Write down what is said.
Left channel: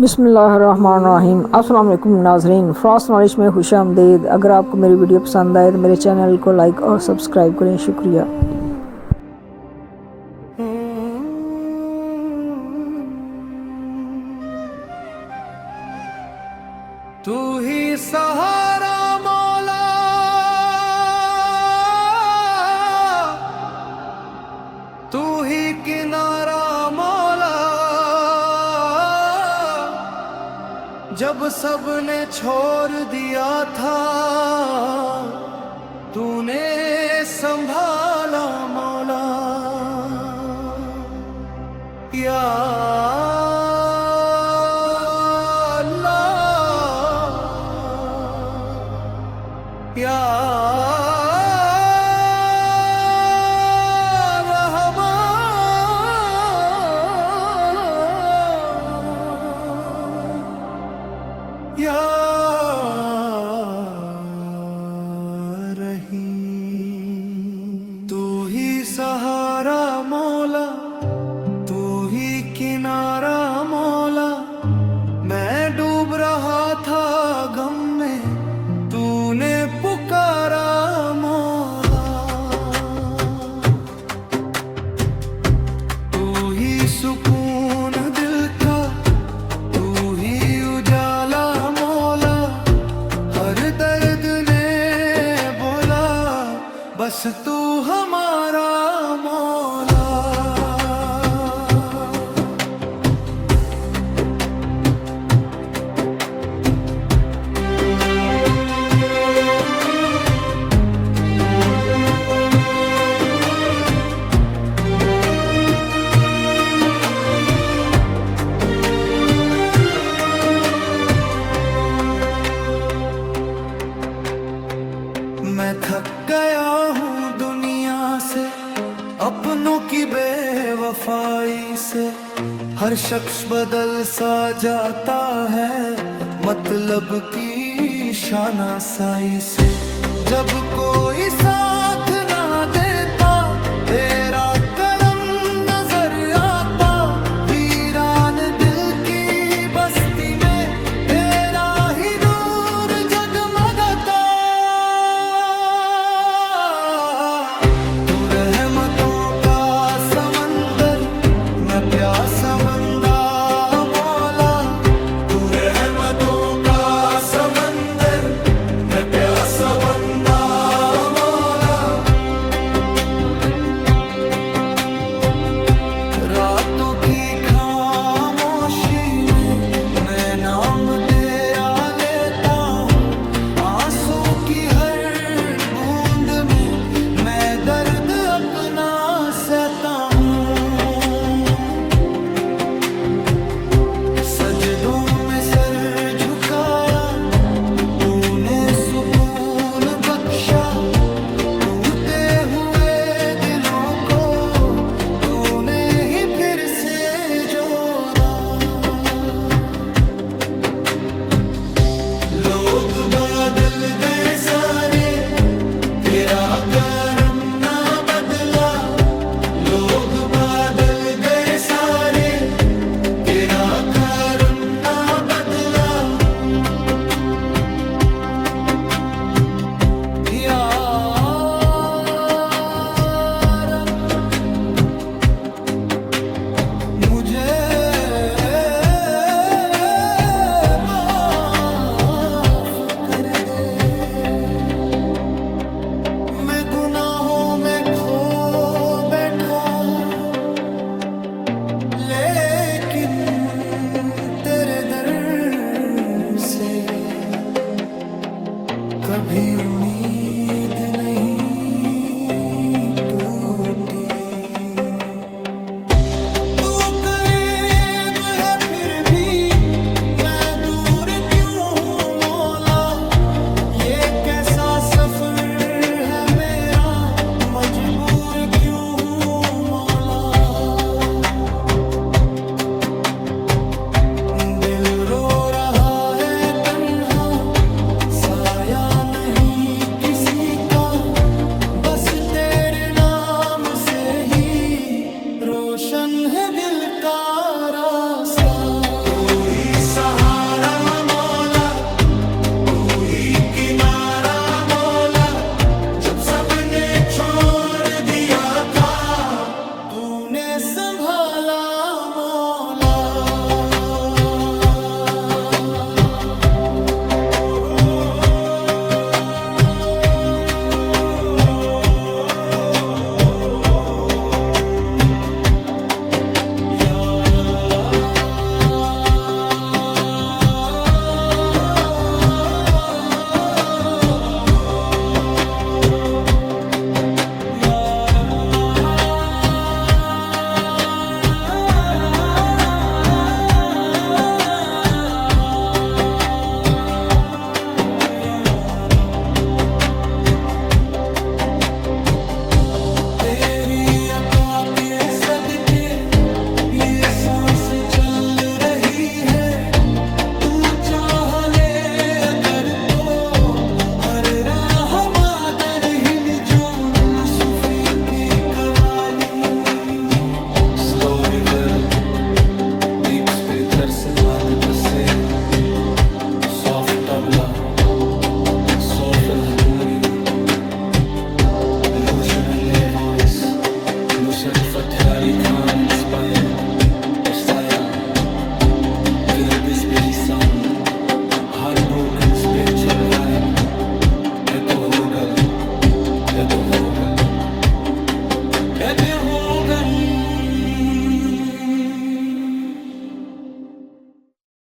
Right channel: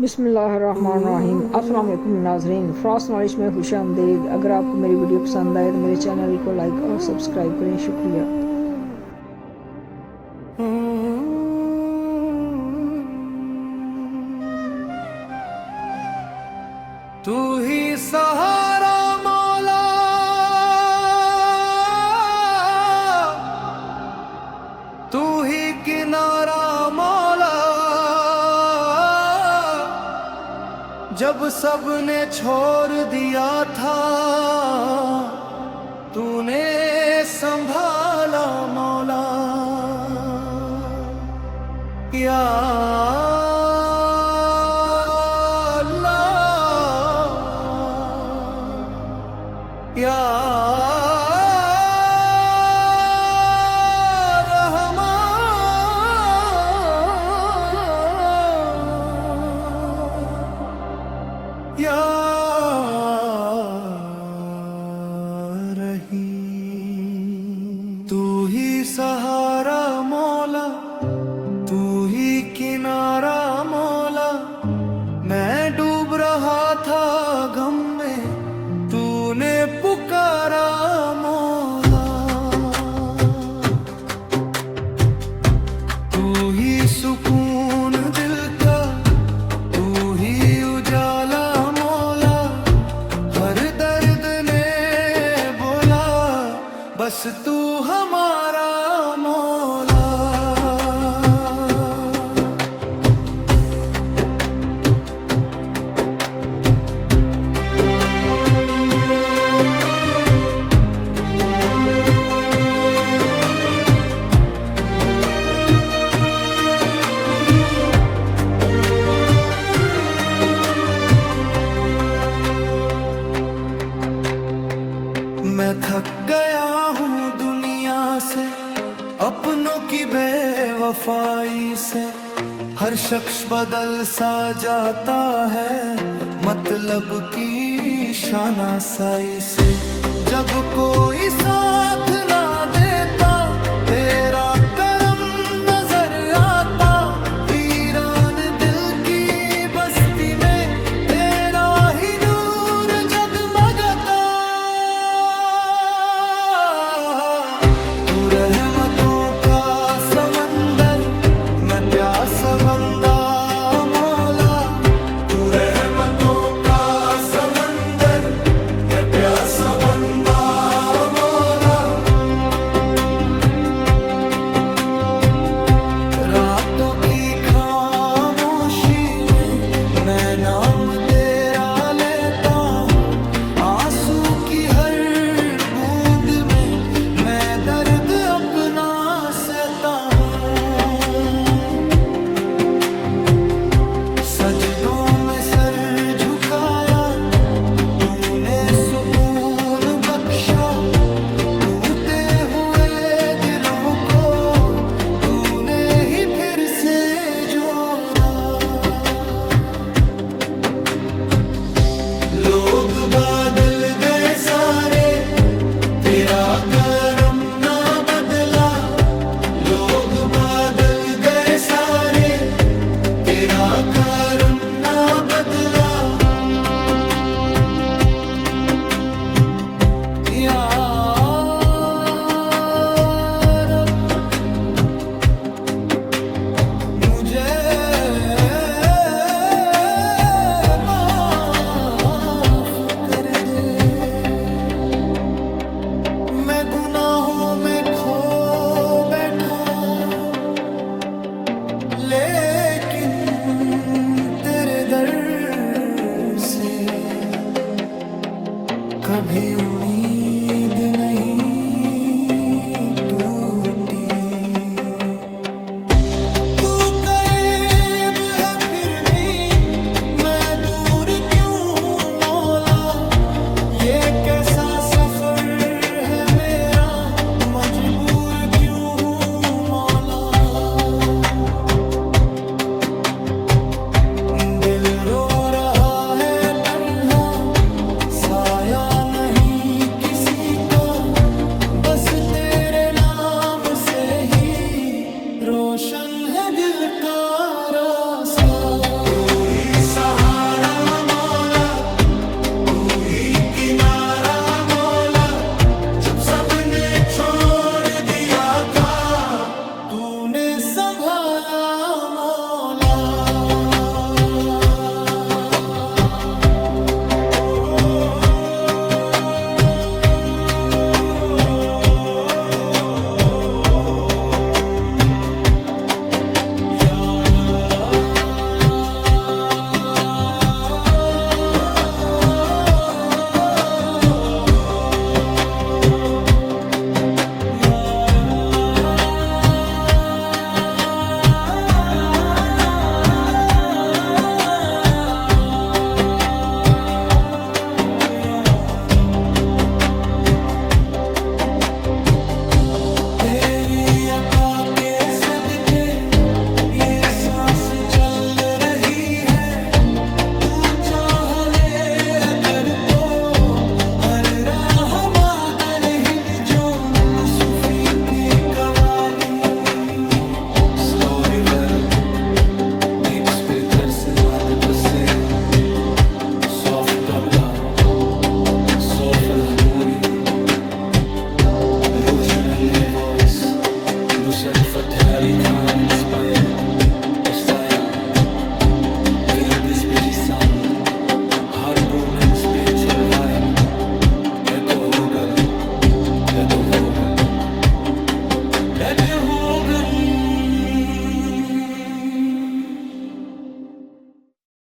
बिस्मिल्लाहिर्रहमानिर्रहीम। अस्सलाम वालेकुम नाज़रीन, फ़्रास्ट नॉलेज में खुश आमदीद। अगर आपको मेरी वीडियो पसंद आए तो मेरे चैनल को लाइक और सब्सक्राइब करें, शुक्रिया। तू ही सहारा मौला, तू ही किनारा मौला, जब सबने छोड़ दिया था तूने संभाला मौला। या या रहमान या रहीम। तू ही सहारा मौला, तू ही किनारा मौला, मैं डूब रहा था गम में तूने पुकारा मौला। तू ही सुकून दिल का, तू ही उजाला मौला, हर दर्द ने बोला बस तू हमारा मौला। मैं थक गया हूँ दुनिया से, अपनों की बेवफाई से। हर शख्स बदल सा जाता है मतलब की शानासाई से। जब कोई साथ ना देता तेरा करम नजर आता, वीरान दिल की बस्ती में तेरा ही नूर जगमगाता। तू रहमतों का समंदर, मैं प्यासा बंदा मौला। तू रहमतों का समंदर, मैं प्यासा बंदा मौला। रातों की खामोशी में मैं नाम तेरा लेता हूँ, आंसू की हर बूंद में मैं दर्द अपना सहता हूँ। सजदों में सर झुकाया तूने सुकून बख्शा, टूटे हुए दिलों को तूने ही फिर से जोड़ा। लोग बादल गए सारे, तेरा करम ना बदला। लोग बादल गए सारे, तेरा करम ना बदला। या रब मुझे माफ कर दे, मैं गुनाहों में खो बैठा, लेकिन तेरे दर से कभी उम्मीद नहीं टूटी। तू करीब है फिर भी मैं दूर क्यों हूँ मौला, ये कैसा सफर है मेरा, मजबूर क्यों हूँ मौला। दिल रो रहा है तन्हा, साया नहीं किसी का, बस तेरे नाम से ही रोशन है दिल का रास्ता। reverb, deep spiritual cinematic se, soft tabla, soulful harmonium, Roshan voice, Nusrat Fateh Ali Khan inspired style, Viral Bispi sound, heartbroken spiritual vibe, echo hogan, echo hogan, echo hogan.